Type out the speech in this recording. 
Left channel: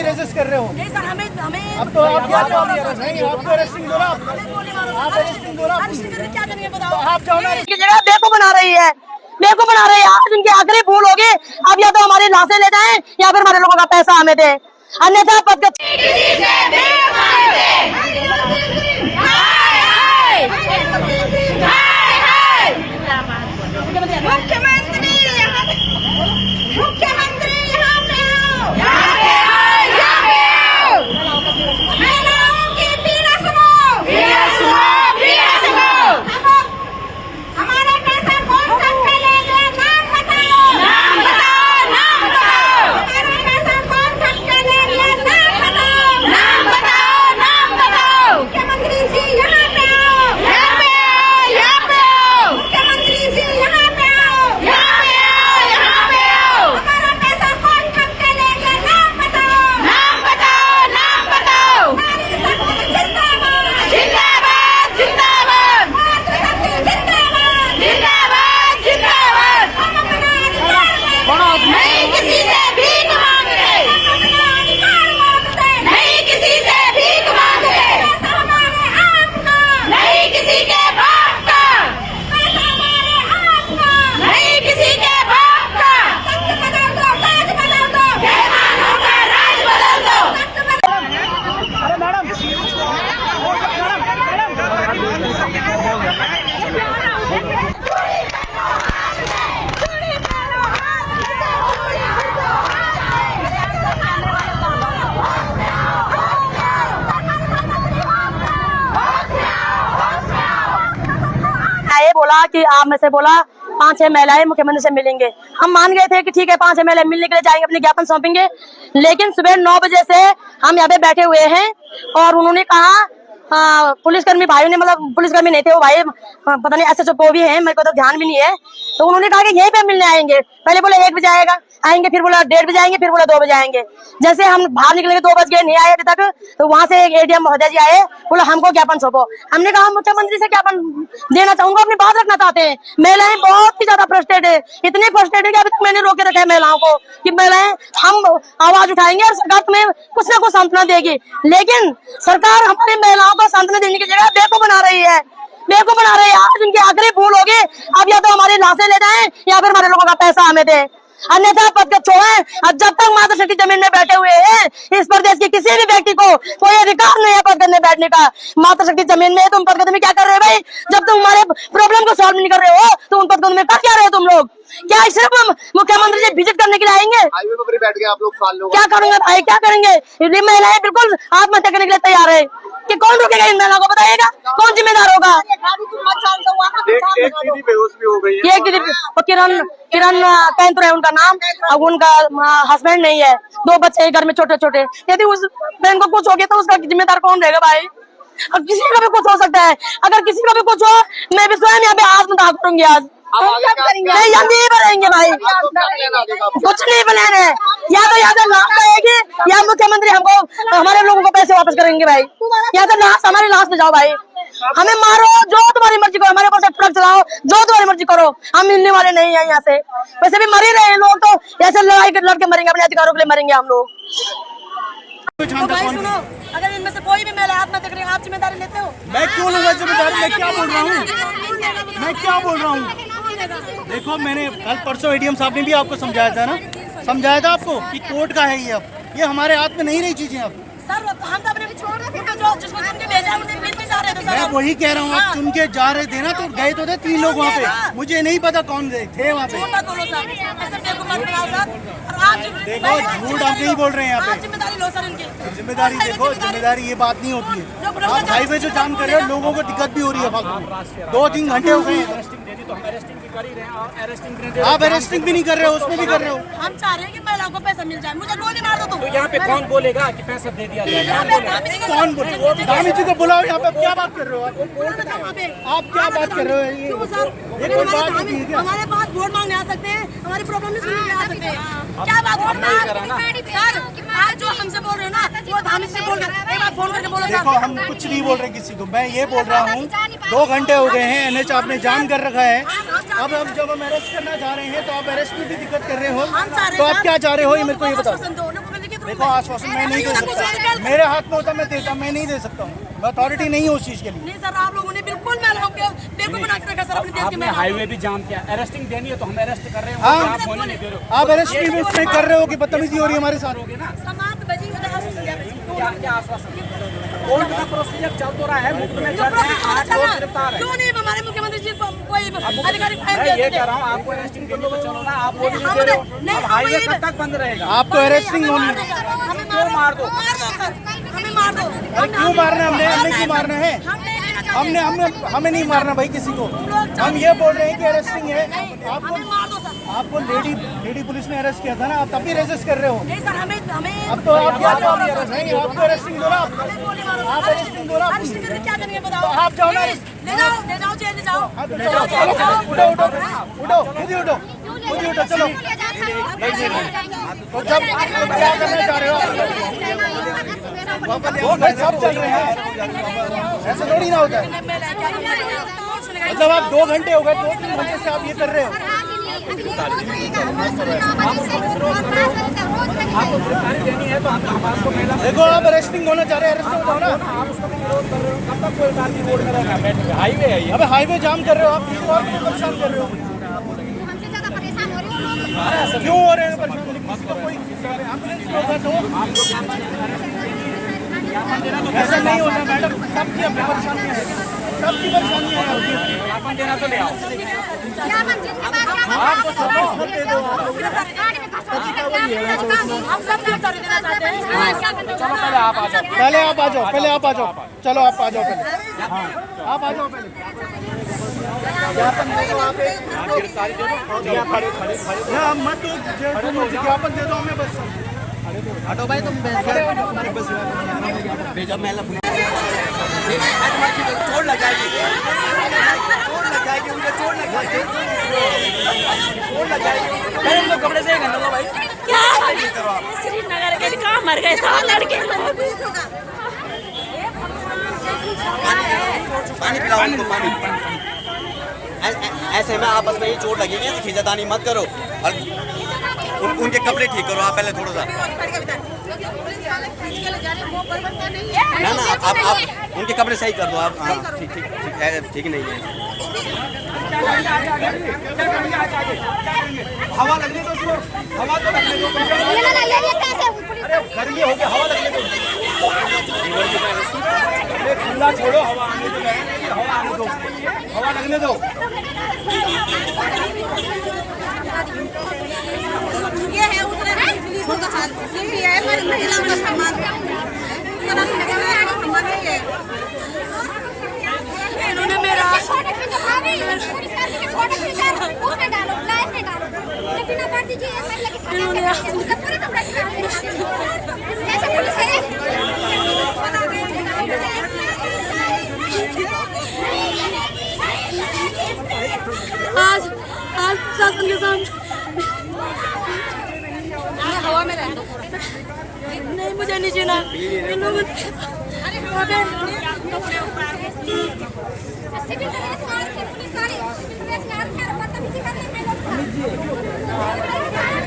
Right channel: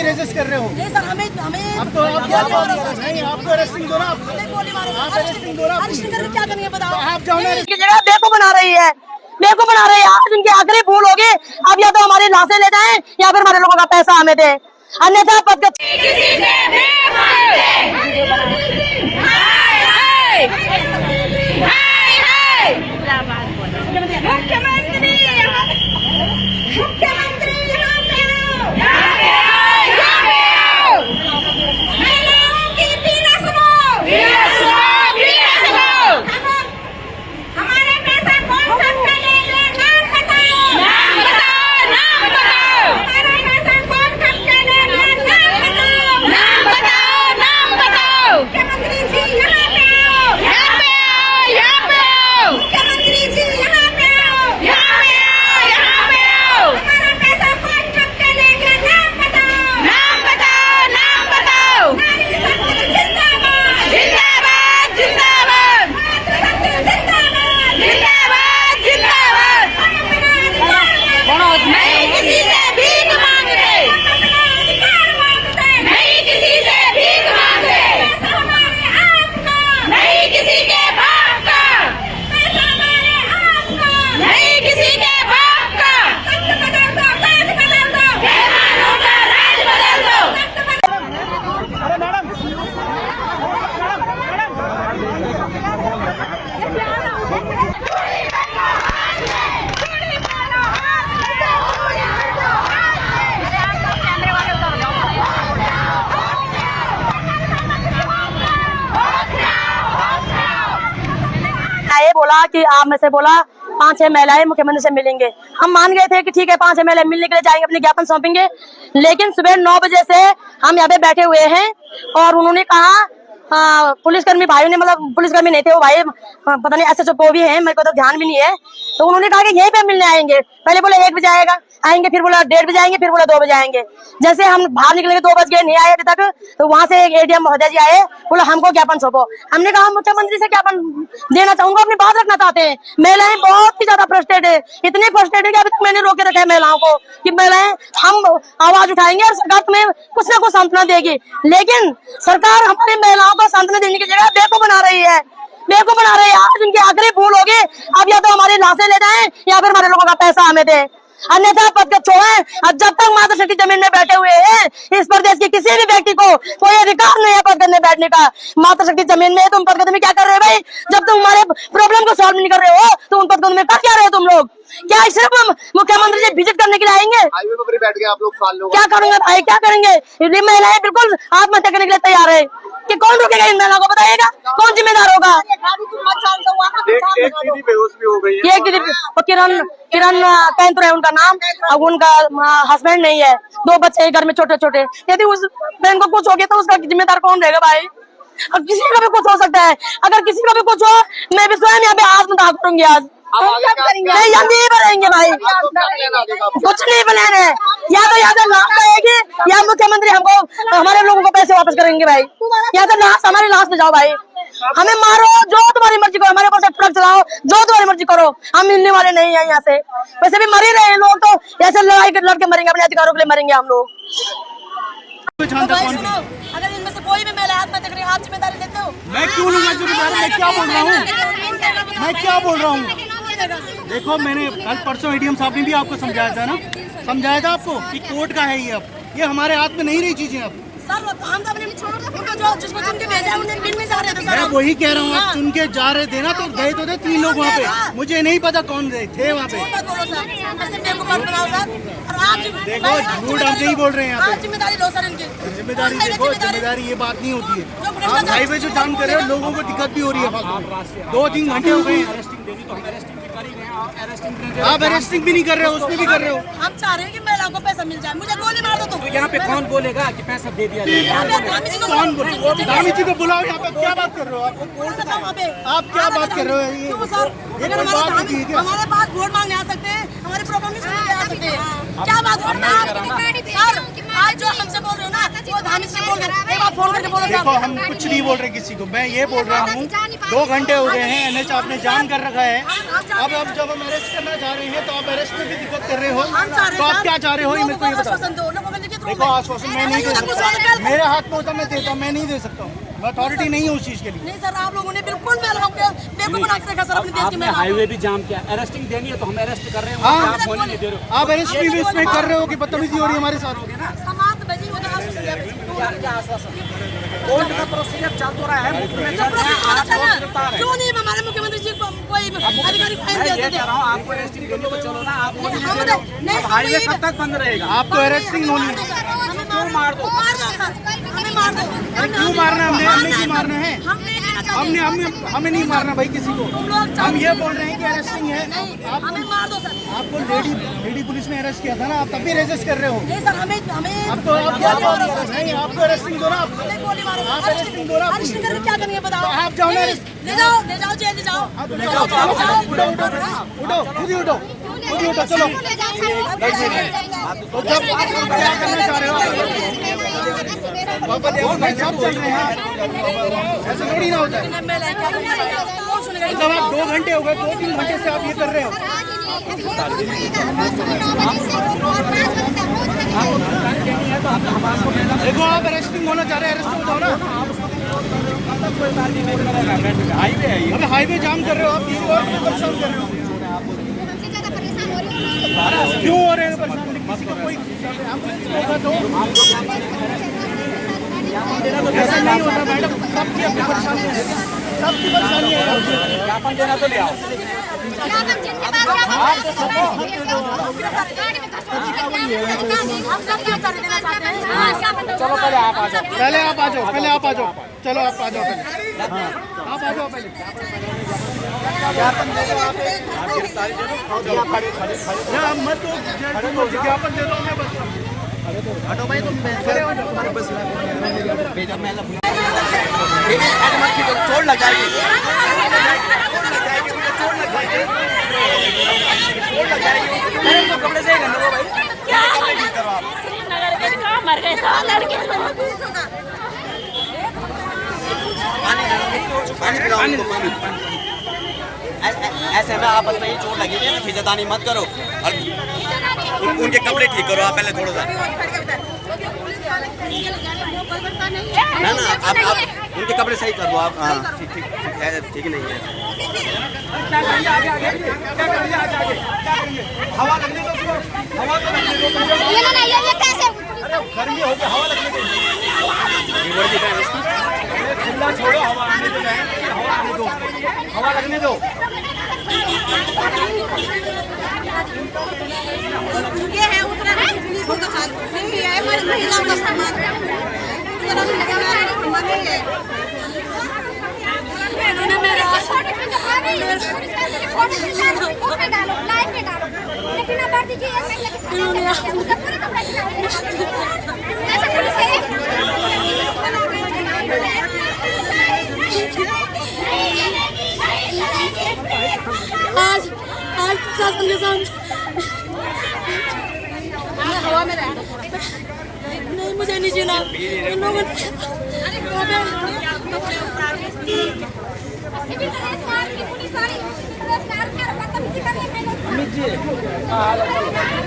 भी रेजिस्ट कर रहे हो। नहीं सर, हमें अब तो नहीं, आपको अरेस्टिंग दो ना, आप अरेस्टिंग दो ना, क्या करेंगे बताओ। आप जाओ ना। जगह बेवकूफ बना रही है, बेवकूफ बना रही है। आज उनकी आखिरी भूल होगी, अब या तो हमारी लाशें ले जाएं या फिर हमारे लोगों का पैसा हमें दे, अन्यथा पद ये बोला कि आप में से बोला 5-6 महिलाएं मुख्यमंत्री से मिलेंगे। हम मान गए थे कि ठीक है 5-6 महिलाएं मिलने के लिए जाएंगे, अपने ज्ञापन सौंपेंगे। लेकिन सुबह 9 बजे से हम यहाँ पे बैठे हुए हैं और उन्होंने कहा पुलिसकर्मी भाइयों ने, मतलब पुलिसकर्मी नहीं थे वो भाई, पता नहीं SHO को भी है, मेरे को तो ध्यान भी नहीं है। तो उन्होंने कहा कि यहीं पे मिलने आएंगे। पहले बोला 1 बजे आएंगे, फिर बोला 1:30 बजे आएंगे, फिर बोला 2 बजे आएंगे। जैसे हम बाहर निकलेंगे 2 बज गए, नहीं आए अभी तक। तो वहां से एक ADM महोदय जी आए, बोला हमको ज्ञापन सौंपो। हमने कहा मुख्यमंत्री से ज्ञापन देना चाहूंगा, अपनी बात रखना चाहते हैं। महिलाएं बहुत ही ज्यादा फ्रस्ट्रेट है, इतनी फ्रस्ट्रेट है कि अभी तक मैंने रोके रखा है महिलाओं को कि महिलाएं हम आवाज उठाएंगे और सरकार तुम्हें कुछ ना कुछ सांत्वना देगी। लेकिन सरकार हमारी महिलाओं को सांत्वना देने की जगह बेवकूफ बना रही है, बेवकूफ बना रही है। आज उनकी आखिरी भूल होगी, अब या तो हमारी लाशें ले जाएं या फिर हमारे लोगों का पैसा हमें दे, अन्यथा पद को छोड़ें। अब जब तक मातृशक्ति जमीन में बैठे हुए हैं, इस प्रदेश के किसी भी व्यक्ति को कोई अधिकार नहीं है पद में बैठने का। मातृशक्ति जमीन में तुम पद में क्या कर रहे हो भाई? जब तुम हमारे प्रॉब्लम को सॉल्व नहीं कर रहे हो तो उन पद में कर क्या रहे हो तुम लोग? क्या सिर्फ मुख्यमंत्री जी विजिट करने के लिए आएंगे? हाईवे पर बैठ गए आप लोग, साल लोग क्या करेंगे भाई, क्या करेंगे? ये महिलाएं बिल्कुल आत्महत्या करने के लिए तैयार है कि कौन रोकेगा इन महिलाओं को? बताइएगा कौन जिम्मेदार होगा? एक दीदी बेहोश भी हो गई है। ये किरण कैंतुर है उनका नाम। अब उनका हस्बैंड नहीं है, 2 बच्चे हैं घर में छोटे छोटे। यदि उस बहन को कुछ हो गया तो उसका जिम्मेदार कौन रहेगा भाई? अब किसी का भी कुछ हो सकता है, अगर किसी का भी कुछ हो, मैं भी स्वयं यहाँ पे आत्मदाह करूंगी आज। नहीं हम यही बनाएंगे भाई, कुछ नहीं बनाने। या तो यहाँ से लाश आएगी या मुख्यमंत्री हमको हमारे लोगों को पैसे वापस करेंगे भाई। या तो लाश हमारी लाश में जाओ भाई, हमें मारो जो तुम्हारी मर्जी करो, हमारे ऊपर से ट्रक चलाओ जो तुम्हारी मर्जी करो, हम मिलने वाले नहीं है यहाँ से। वैसे भी मर ही रहे लोग, तो ऐसे लड़ाई लड़के मरेंगे, अपने अधिकारों के लिए मरेंगे हम लोग। तो भाई सुनो, अगर इनमें से कोई भी महिला आत्महत्या करेगी, आप जिम्मेदारी लेते हो? मैं क्यों लूंगा जिम्मेदारी? मैं क्या बोल रहा हूँ, मैं क्या बोल रहा हूँ? देखो मैंने कल परसों ADM साहब ने भी आपको समझाया था ना, समझाया था आपको कि कोर्ट का है ये हमारे हाथ में नहीं रही चीजें। अब सर हम तो अपने छोड़ रहे थे, जो जिसको चुन के भेजा उन्हें मिल में जा रहे थे। मैं वही कह रहा हूँ, आप चुन के जा रहे थे ना, तो गए तो थे 3 लोग वहाँ पे, मुझे नहीं पता कौन थे वहाँ पे। बोलो सर, ऐसे बेवकूफ मत बनाओ सर। और आप देखो झूठ आप नहीं बोल रहे हैं यहाँ पे। जिम्मेदारी लो सर इनकी। जिम्मेदारी देखो, जिम्मेदारी ये बात नहीं होती है। आप हाईवे जो जाम कर रहे हो, लोगों को दिक्कत भी हो रही है फालतू। 2-3 घंटे हो गए, आप अरेस्टिंग भी नहीं कर रहे हो, उसमें भी कर रहे हो। हम चाह रहे हैं कि महिलाओं को पैसा मिल जाए, मुझे गोली मार दो तुम। तो यहाँ पे कौन बोलेगा कि पैसा दे दिया जाए? कौन बोलेगा? धामी जी को बुलाओ यहाँ पे। क्या बात कर रहे हो आप क्या बात कर रहे हो? ये कोई बात होती है क्या? हमारे पास वोट मांगने आ सकते हैं, हमारी प्रॉब्लम भी सुनने आ सकते हैं। क्या बात है सर? आज जो हमसे बोल रहे हो ना, वो धामी से बोल रहे, एक बार फोन करके बोलो सर। देखो हम कुछ नहीं बोल रहे किसी को, मैं ये बोल रहा हूँ 2 घंटे हो गए हैं, NH आपने जाम कर रखा है। अब जब हम अरेस्ट करना चाह रहे हैं तो आप अरेस्ट में भी दिक्कत कर रहे हो, तो आप क्या चाह रहे हो ये मेरे को ये बताओ। देखो आश्वासन मैं नहीं दे सकता, मेरे हाथ में होता मैं देता, मैं नहीं दे सकता, मैं अथॉरिटी नहीं हूँ उस चीज के लिए। नहीं सर, आप लोगों ने बिल्कुल महिलाओं के बेवकूफ बना के रखा सर अपने देश के आपने महिलाओं हाईवे भी जाम किया, अरेस्टिंग देनी हो तो हम अरेस्ट कर रहे हैं, हाँ। आप होने नहीं दे रहे हो। आप अरेस्ट भी उसमें कर रहे हो कि बदतमीजी हो रही है हमारे साथ। समाज बजी हो तो क्या आश्वासन? कोर्ट का प्रोसीजर चल तो रहा है, मुफ्त में जो चल रहा है, प्रोसेस आप लोग गिरफ्तार हैं। क्यों नहीं हमारे मुख्यमंत्री जी को कोई अधिकारी फाइन मैं दे ये देते? कह रहा हूँ आपको अरेस्टिंग करने को चलो ना, आप वो नहीं, नहीं हम दे रहे हो। नहीं, अब हम हाईवे ये- कब तक बंद रहेगा? आपको अरेस्टिंग हमें मार होनी दो सर, हमें क्यों मार दो? हमें मार दो। अरे क्यों मारना है? हमने क्यों मारना है? हमें नहीं मारना भाई किसी को। हम ये बोल रहे हैं कि अरेस्टिंग है। हमें मार दो सर। आपको लेडी पुलिस ने अरेस्ट किया था ना, आप तब भी रेजिस्ट कर रहे हो। नहीं सर, हमें अब तो आप क्या गोली मारो सर। नहीं, आपको अरेस्टिंग दो ना। हमें गोली मारो आप सर। अरेस्टिंग दो ना। अरेस्ट करके क्या करेंगे बताओ? तो आप जाओ ना। ले जाओ जेल ले जाओ। हाँ, तो ले चलो, जाओ जेल ले जाओ। उठो उठो उठो, खुद ही उठो, खुद ही उठो, चलो। तो जब क्या करना चाह रहे हो आप? भाई सब चल रहे हैं, ऐसे थोड़ी ना होता है। मतलब आप 2 घंटे हो गए, 2-3 घंटे से आप ये कर रहे हो। देखो आप अरेस्टिंग होना चाह रहे हैं, अरेस्ट हो जाओ ना। हाईवे है ये। अबे हाईवे जाम कर रहे हो आप, किसी और को परेशान कर रहे हो। हमसे ज्यादा परेशान हो रही हूँ। क्यों हो रहे हैं परेशान? किसी को कोई एम्बुलेंस को होगा तो ऐसा नहीं होना मैडम, सबकी अपनी परेशानियाँ हैं, सबकी परेशानियाँ हैं। ज्ञापन देना तो ले आओ। आप तो चलो, हम सब क्या कर देना चाहते हैं? चलो पहले आप आ जाओ। पहले आप आ जाओ, पहले आप आ जाओ, चलो आप आ जाओ पहले, आप आ जाओ पहले। ज्ञापन दे दो आप, मत दो, ज्ञापन दे दो हमें बस। हटो भाई, तुम खड़े हो जाओ, बस भेजा मैं चोट लग जाएगी, मुझे चोट लग जाएगी। कपड़े से श्रीनगर के कहाँ मर गए सारे लड़के? पानी पिलाओ इनको, पानी। ऐसे में आपस में ही चोट लगी थी, खींचातानी मत करो और उनके कपड़े ठीक करो आप पहले थोड़ा सा। ना ना, आप उनके कपड़े सही कर दो आप। हाँ ठीक ठीक ठीक है, ठीक नहीं है। हवा लगने दो उसको, हवा तो लगने दो, गर्मी हो गया, हवा लगने दो। खुला छोड़ो, हवा आने दो, हवा आने दो, हवा लगने दो। ये है उत्तराखंड का हाल नहीं है, हमारी महिलाओं का सम्मान उत्तराखंड के नारी सम्मान नहीं है। इन्होंने मेरा आज प्रशासन के सामने हवा में रहना नहीं, मुझे नहीं जीना। इन लोगों ने यहाँ पे अमित जी क्या हाल है?